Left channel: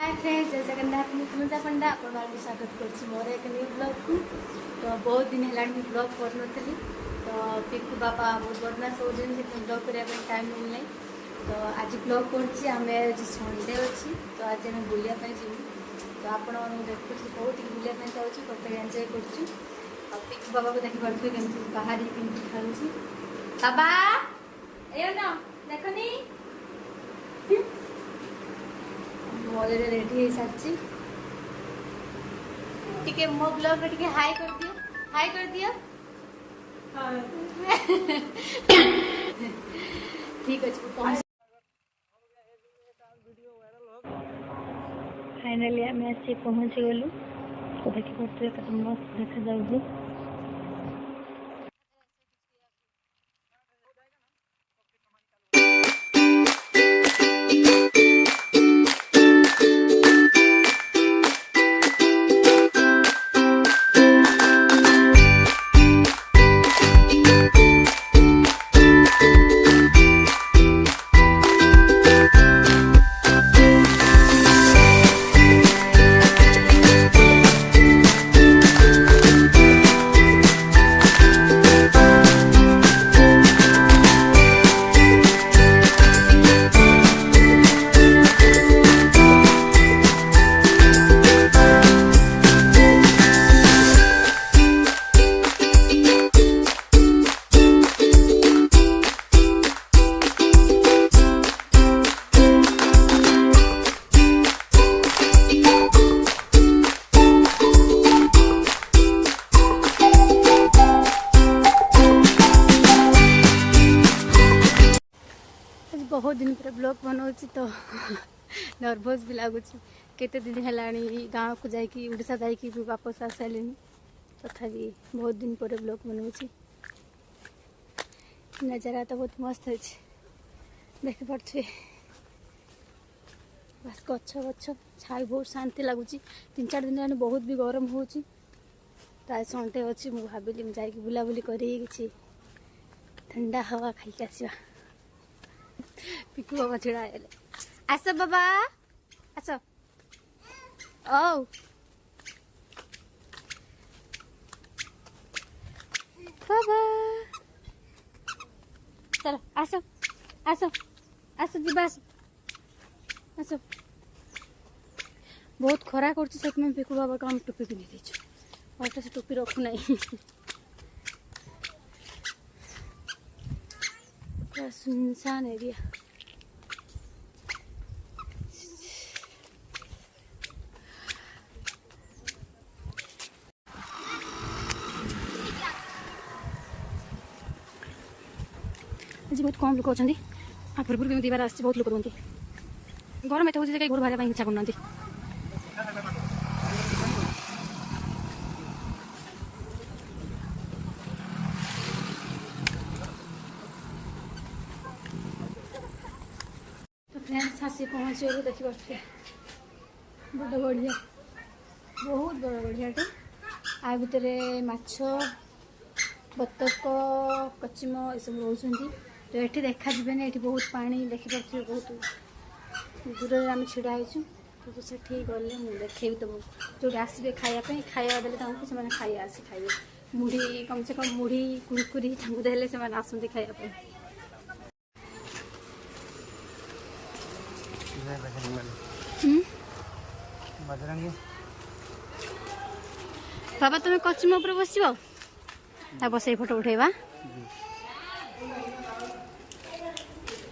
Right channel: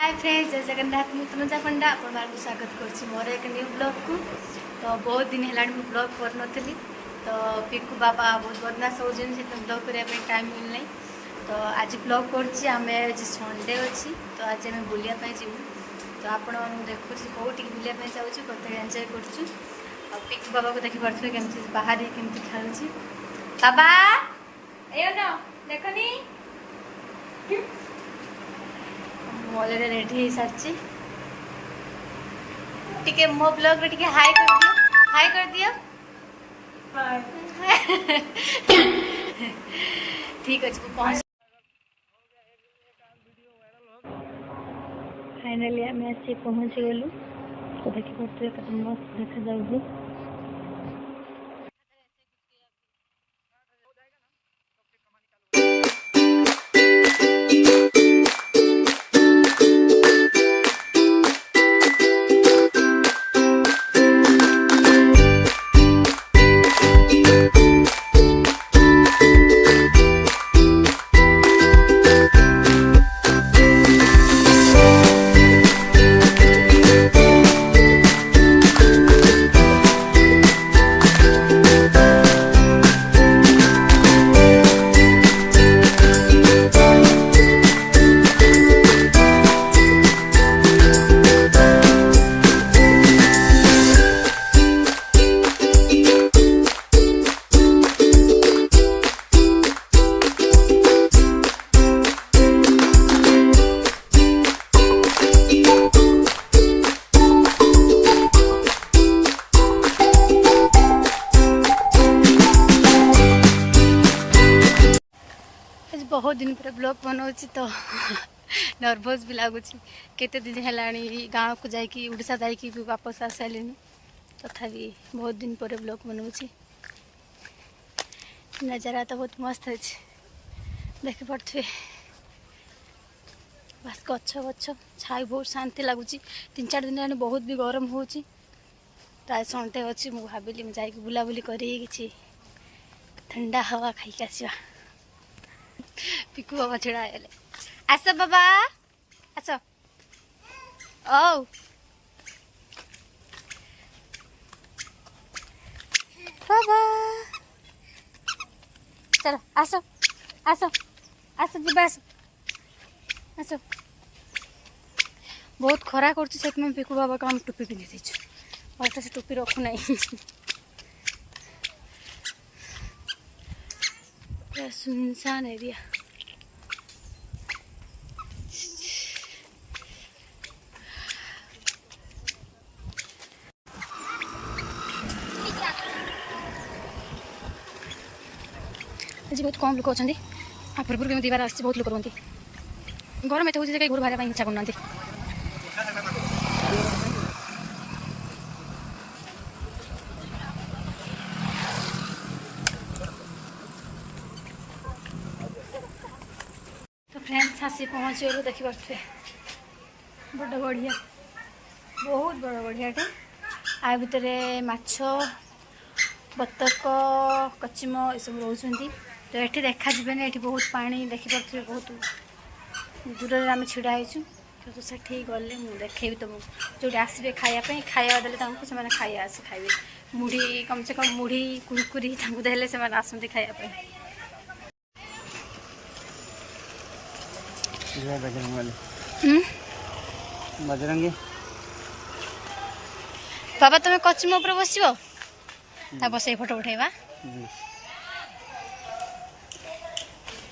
Hi friends, जय जगन्नाथ। मुझे तनुजा पंडा आपण स्वागत कर मोर एक न्यू ब्लॉग को। तो बहुत दिन है ब्लॉग कर नी। तो पिकू बाबा बहुत बदमाश हो ब्लॉग करने टाइम मिलना। तो आज ब्लॉग कर संडे अच्छी। तो आज आम बुलायापी जीव। तो आपण देखु कौटी बुलायापी जाऊँ कत एंजय कर। पिकू बाबा को देखी पारे केमती बाहर केमती खेलुची। बाबा ए देखनी ऑलरेडी रेडी हो सारी। टिके मो ब्लॉग रे टिके हाय कर दियो, हाय कर दियो। हाय ठीक अछि पहुंच। फाइनली आम आसी पहुंच गलु। तो देखि पड़ते कत मस्त देखा जाउछु। बहुत दिन पर ब्लॉग बनाऊँ तो नर्भस भी लगुच। केते दिन है गाँव को जाकि उड़ीसा जाकि वापस आ सारे। तथापि बहुत दिन पर ब्लॉग बनाऊँ। नजारा तो बहुत मस्त है, देखी पड़े। बस गछ गछ छाई बहुत शांति लगुच। 3-4 दिन है बहुत भी गरम हो। प्राय संडे अच्छी मुझे भाविली जा बुलाबुली कर ठंडा हवा खाई आसवा। पिकू बाबा छिड़ा है। आस बाबा आस। ओ बाबा चलो आस आस आस जी आस आस। बहुत खरा कर पिकू बाबा को हम टोपी पिंधि देचु और से टोपी रखु ना। पूरा सुनसान एरिया। आज बहुत कम लोक अच्छा। पूर्व केमी बार आस बहुत लोक रुहति। गरम एत हो कहीं घर बाहर इच्छा करना। तो फ्रेंड्स आसी पहुँच गलु। देखी पारे बड़ बढ़िया, बहुत बड़ बढ़ियाटे। आ भितर माछ बतक कचिम ये सब रोच। तो ये देखा ये बहुत पानी देखी पारे। बहुत दूर में आम छिड़ा हो। तो सेठी गले मुझे देखेबी तुमको जो आसबे खायापी खाया देले से खाया आस खाइबे। मुढ़ी कम से कम मुढ़ी कुरकुरी देले से आसती खायापी। बजरंगी बाबा तुम्हें कचिम उपर बस बस फोटो उठेबा।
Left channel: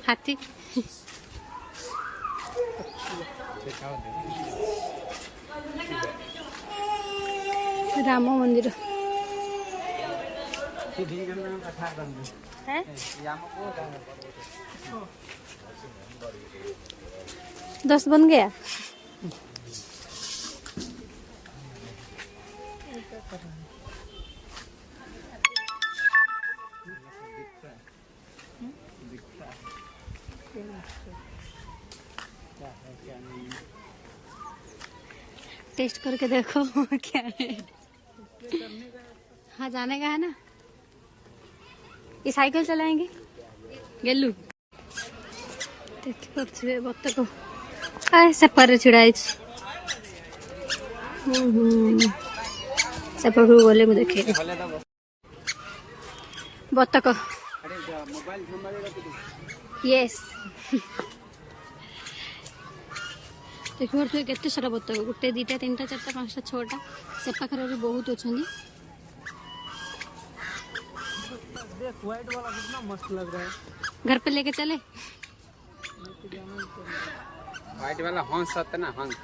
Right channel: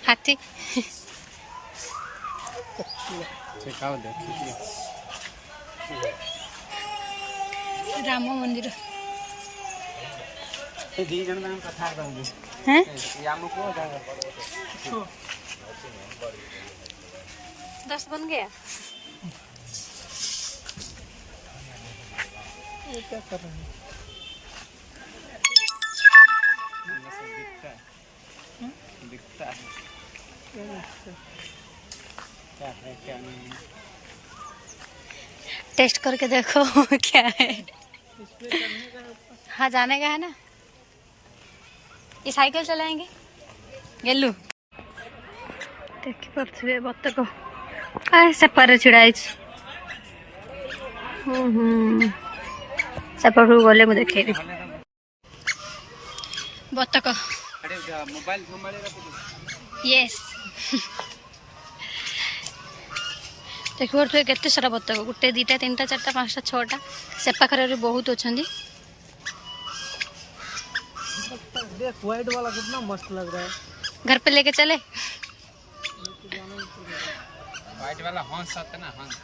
हाथी राम मंदिर हैं 10 बन गया। टेस्ट करके देखो क्या है। हाँ जाने का है ना। ये साइकिल चलाएंगे गेलू। देखी पारे बतक सेपारे छिड़ा सेपटू गले मुझे देखेबी बतक यस देखिए केते सारा बतक गोटे दुटा तीन चार्टा पांचटा छटा से पाखर बहुत अच्छा घर पे लेके चले व्हाइट वाला हंस है ना हंस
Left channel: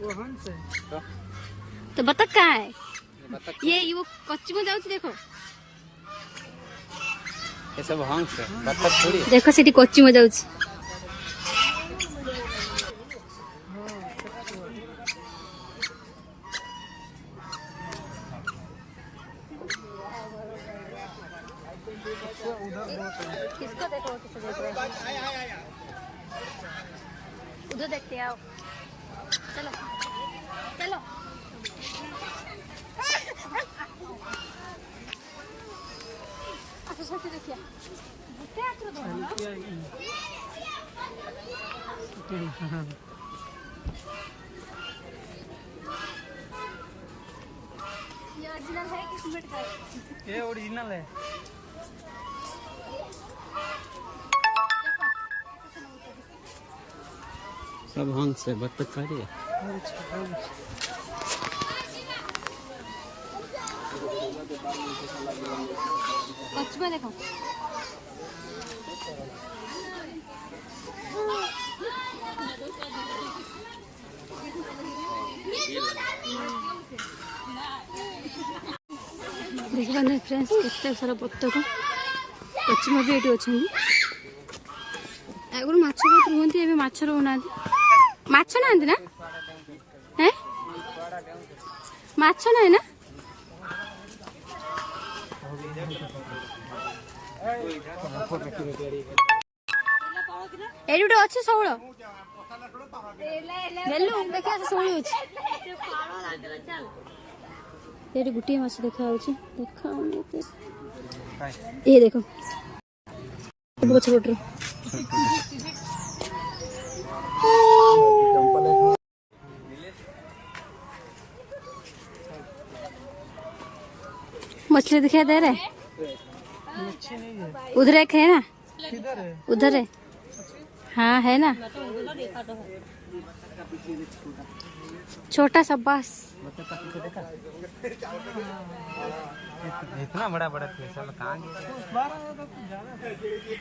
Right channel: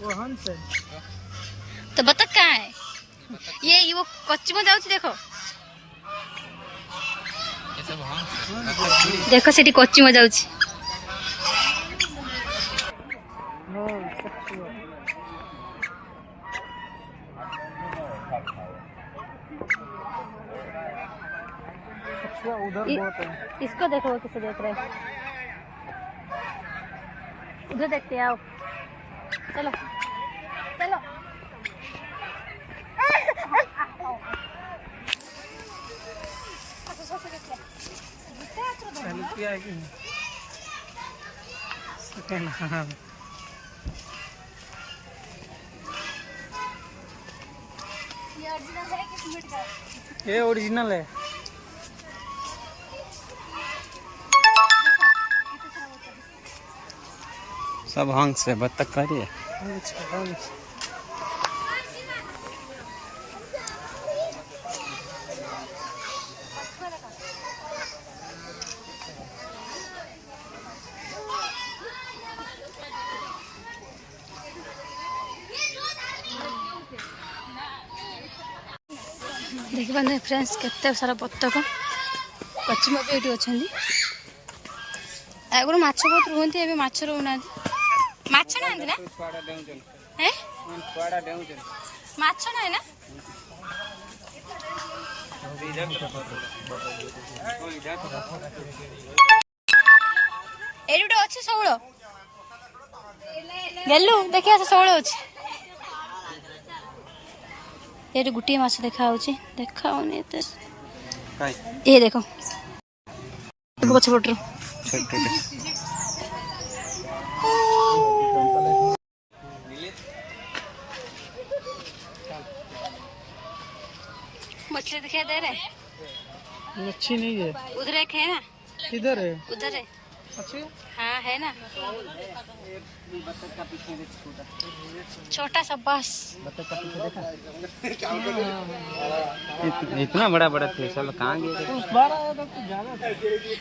वो हंस है तो बतख कहाँ है ये वो कच्ची में जाऊँ देखो ये सब हंस है बतख थोड़ी देखो सीटी कच्ची में जाऊँ इसको देखो किसे देख रहे हैं उधर देखते हैं आओ चलो चलो अच्छा से देखिए ये ओरिजिनल है कि सिमेंट का है ये ओरिजिनल है सब हंस है बतख का रही है देखिए फ्रेंड्स केते सारा बतख कचिमा भी ये अच्छा आगुरी माछ बहुत रुहती ए माछ रोना माछ ना ना हैं माछ ना ना एडी गोटे अच्छे शौल गेलु देखिए शौल अच्छे ये गोटे माछ देखा देखा ये देखो पछपटर मछली दिखाई दे रहा है मच्छी नहीं है उधर एक है ना किधर है उधर है हाँ है ना छोटा सा बस बतख का पीछे देखा इतना बड़ा बड़ा थे सब कहाँ गए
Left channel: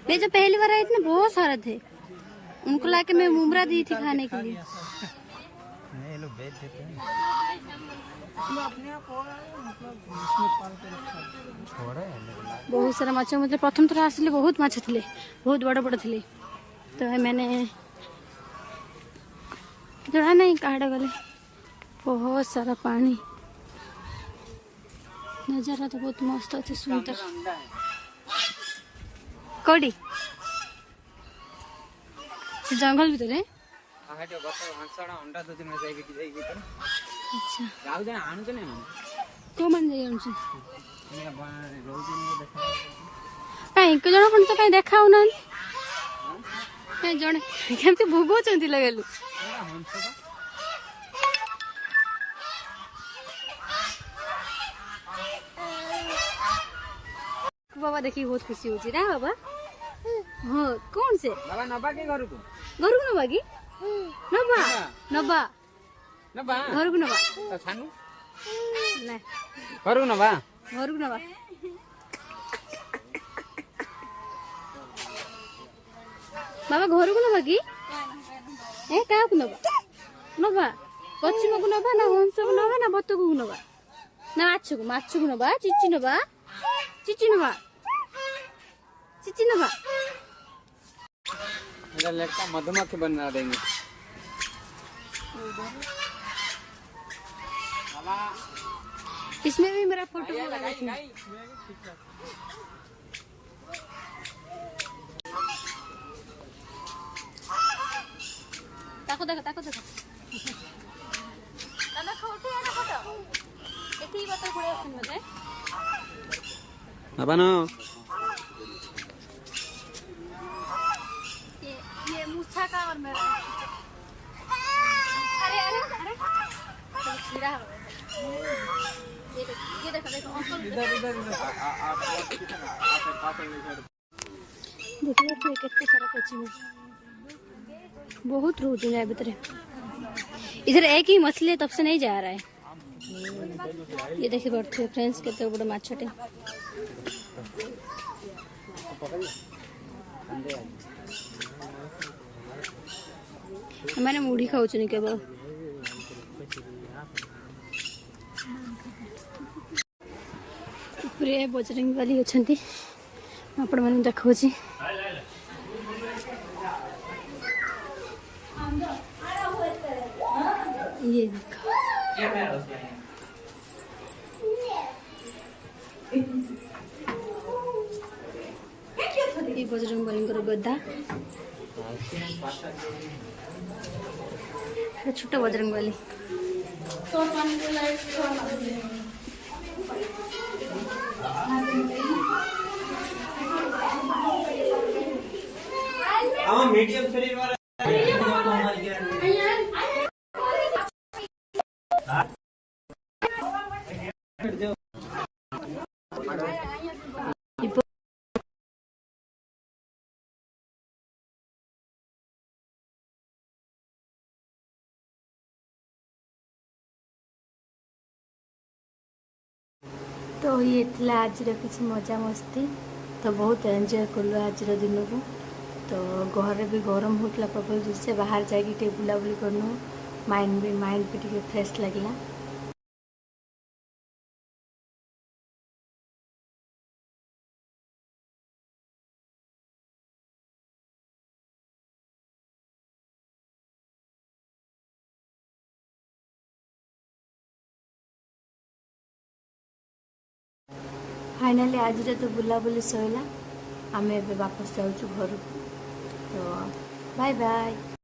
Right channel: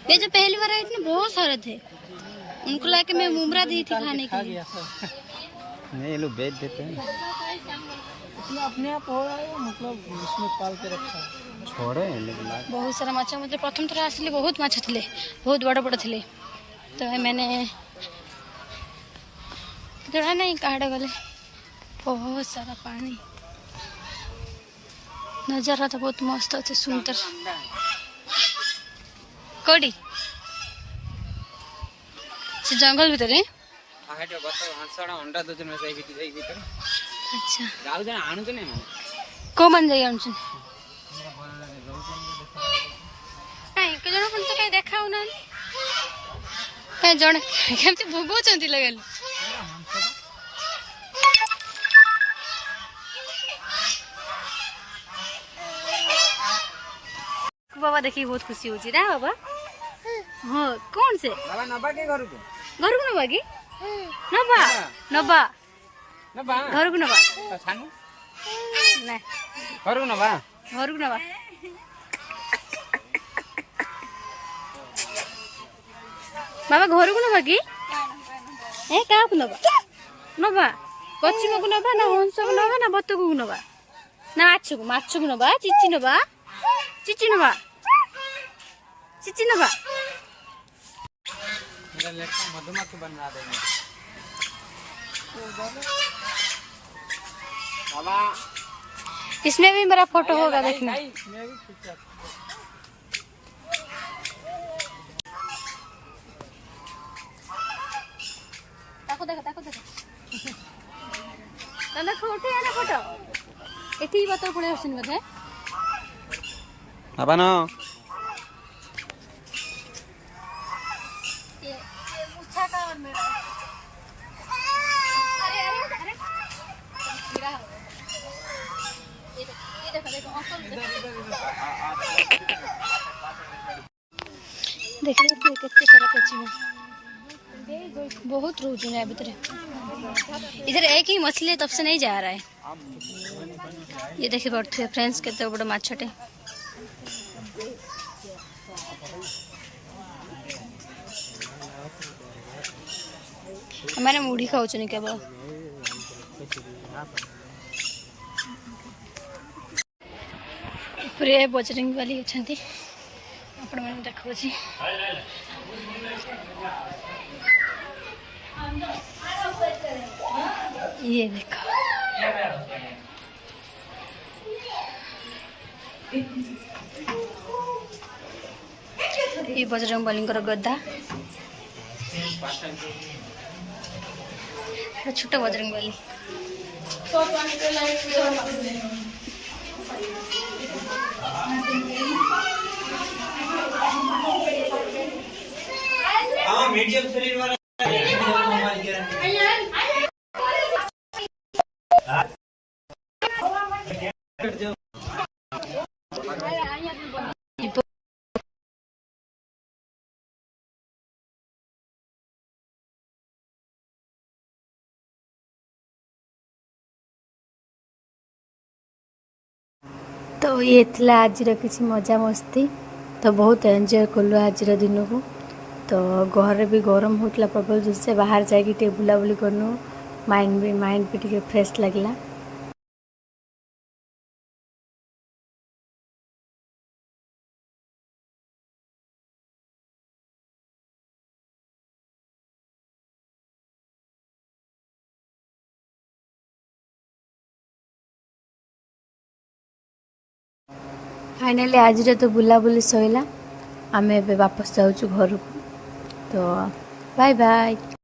ये जो पहली बार आए थे ना बहुत सारे थे उनको लाके मैं मुमरा दी थी खाने के लिए नहीं ये लोग बेच देते हैं अपने आप हो मतलब इसमें पाल के रखा छोड़े बहुत सारा माछ मतलब प्रथम थर आसले बहुत माछ थे बहुत बड़ बड़ थे तो मैंने जड़ा नहीं कहाड़े गले बहुत सारा पानी नजारा तो बहुत मस्त अच्छे सुंदर कौड़ी से जंगल भीतर अच्छा को मन जाए कहीं के जन तो कहीं देखा ना कहीं जड़े केमती भोगुंट लगेलु बाबा देखिए बहुत खुशी होची ना बाबा हाँ कौन से घर को नबा कि नबा नबा घर को नबा घर को नबा बाबा घर को नबा कि ए क्या नबा नबा पश्चिम को नबा ना हंस को नबा ना बतक को नबा ना माछ को नबा चिची नबा मधुमक्खी बना देंगे इसमें भी मेरा फोटो होगा देखना ताको देखो ना फोटो है ना फोटो एठी बात पड़े आसन मते अब ना ये मूछा का और मेरा देखिए कितने सारा कोचिंग बहुत रोज है भीतर। इधर एक ही मछली है तब से नहीं जा रहा है। ये देखिए पड़ते फ्रेंड्स केते बड़ माछटे हमारे मुढ़ी खाऊचनी केवल ऊपर बजरंग वाली अच्छी आपण मैंने देखा ये देखो ये बजरंग बलींकर गदा छोटा बजरंग बली मीडियम शरीर वाला तो ये आज किसी मजा मस्ती तो बहुत एंजॉय कलु आज दिन को। तो घर भी गरम होता प्रबल जिससे बाहर जाके बुलाबुली करनु माइंड भी टे फ्रेश लगला। फाइनली आज तो बुलाबुली सैला आमे वापस जाऊँ घर को। तो बाय बाय।